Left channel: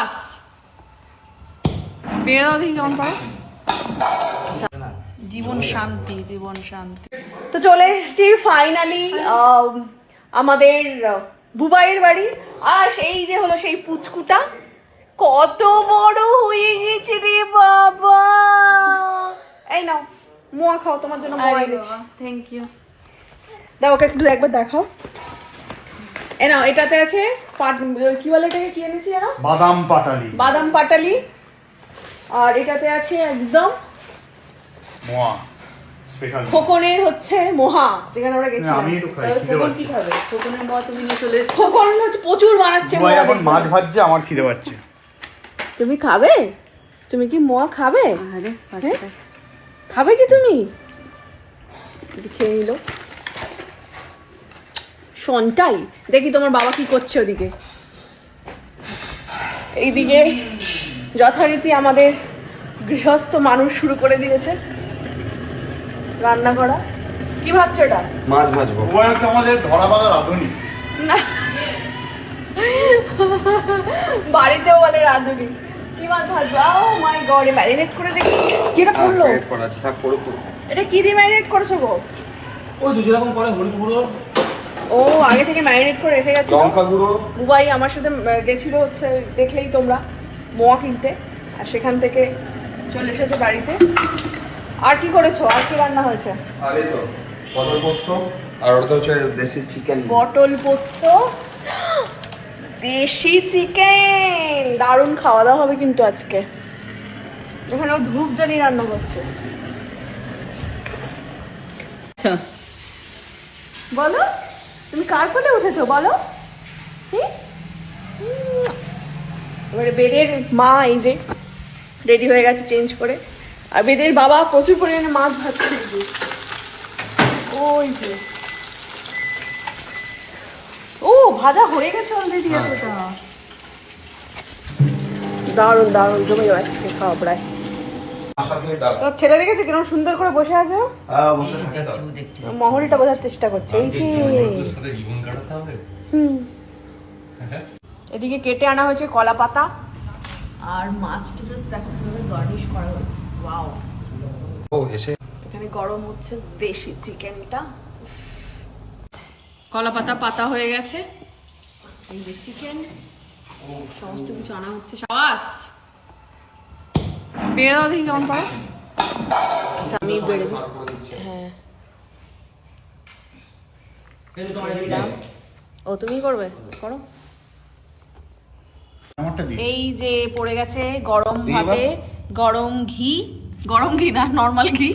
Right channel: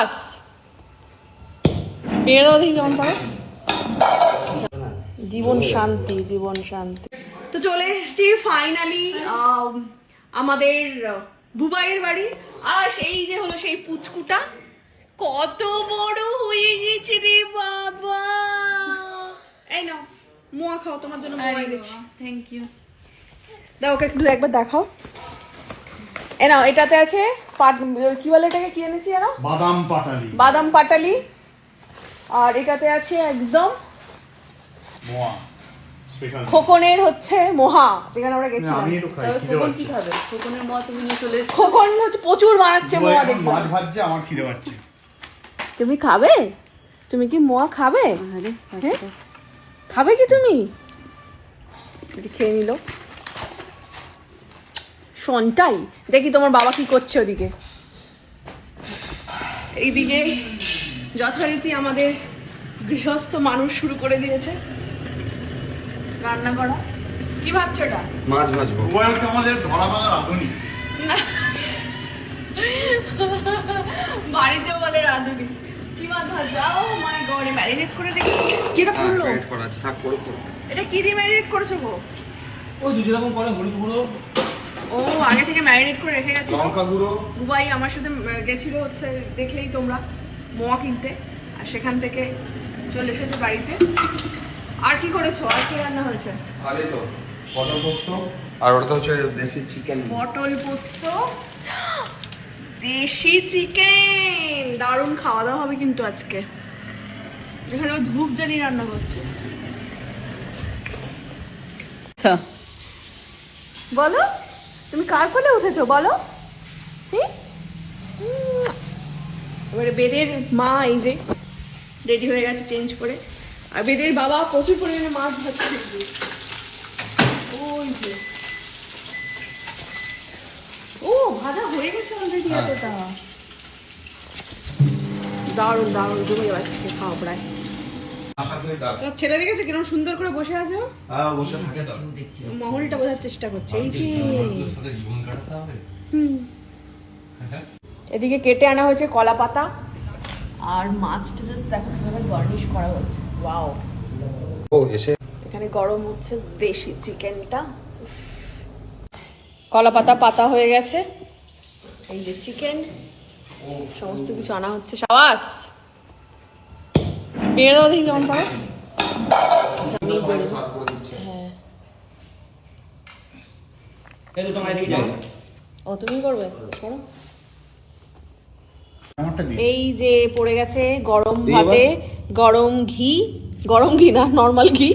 সাবাস বেরো দেখি কেমন করে জীবন শান্তি জীবন শান্তি। তো চলে এসেছি ফাইনালি আমাদের বুবাইয়ের বাড়ি। আর সেই যে হলো সেই পুচকুটা। কত বড় হয়ে গেছে রে বাবা! এই নাও মোয়া খাও তোমার জন্য মোয়া এনেছি। থ্যাংক ইউ দাও ওকে একটু একবার দেখাও। এ নাও এটাতে আছে পাট- কি বলে এটাকে? কি এনেছি জানো বাদাম পাটালি। বাদাম পাটালি। আর এটাতে আছে একদম মোয়া খোকনের হচ্ছে মোহা যেখানে আমরা গেছিলাম। খিদে খোকন কি খাবে? খোকনের মা তুমি নিয়ে চলে এসছো। খোকন হচ্ছে প্রচুর বানাচ্ছে মোয়া মোয়া এখন মাছ ভাজছে আমার খিদে পাচ্ছে। তুমি খাবে? তুমি কি মোয়া খাবে? আরে হ্যাঁ? খাবে কি তুমি? খেয়ে নিল। সনটাই। দেখি তোমার বাবা কি করছে ওদিকে। এইদিকে যথারীতি আমাদের গৃহস্থ মানুষ শুরু করে দিয়েছে রান্না করা কি ভাবছ এটা? মাছ ভাজবো। ওয়া আমাদের ধরা বাঁধা রাঁধুনি। বাড়িতেও বলে রাঁধুনি। কি মাছ ভাজবো? ও মাই গড ম্যারিনেট করে দেখি। কি এটা পড়ল। এটা কি দিয়ে ম্যারিনেট করেছ গো? ওই দুই রকম করে হলুদ গুঁড়ো ও আগে থেকে ম্যারিনেট করে রেখে গেছে লঙ্কা গুঁড়ো বুবাই আমার সাথে গেছিল হচ্ছে দেখলেই তোমরা মোয়া কিনতে। আর সেখান থেকে চলে এসেছে বাড়িতে। আর কি করেছ? আর কি রান্না হয়েছে? আর তো পটল পোস্ত আর ওটা হচ্ছে দেশি চিকেন পটল পোস্ত দেশি চিকেন দারুণ খাওয়া দাওয়া হবে কিন্তু আজকে। ওখানে ও ধূপ জানি রান্না করছে। আচ্ছা। বলো। তুমি কার কোলে উঠেছো বলো? এবারে বেদের মা এই যে রেডি হয়ে গেছে চেঞ্জ করে। আর বেদের বাবা প্রচুর পরিমাণে মাছ যে। ওই যে। ও ভাজা হয়ে গেছে অলরেডি এতটা। দারুণ দারুণ জমে আজকে খাওয়া প্রায়। ছেলে দেখেছে কীরকম সুন্দর করে বসে আছে? হ্যাঁ বসে থাকে তো। মহলটা বোঝার চেষ্টা করছে এই যে এদিকে কেটে আনা হয়েছে কলা পাতা। আর মাছটা জাস্ট দেখো কীভাবে গার্নিশ করা হয়েছে। ওয়াও ও এসে এখানে গরম হচ্ছে দেশি চিকেনটা। কলা পাতা পাতা হয়ে গেছে। এই যে চিকেন। সমস্ত কিছু আনা হচ্ছে। সাবাস! বেড়ে দাও দেখি কেমন করে আমি বেড়ে হ্যাঁ ও তুমি করবে করো। এই যে পড়ে গেছে গরম ভাতে গরম ঘি গরম ঘি না নর্মাল ঘি।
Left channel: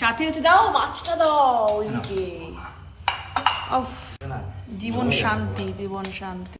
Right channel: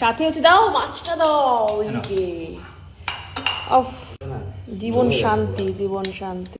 সাথে হচ্ছে দাও মাছটা দাও জীবন শান্তি জীবন শান্তি।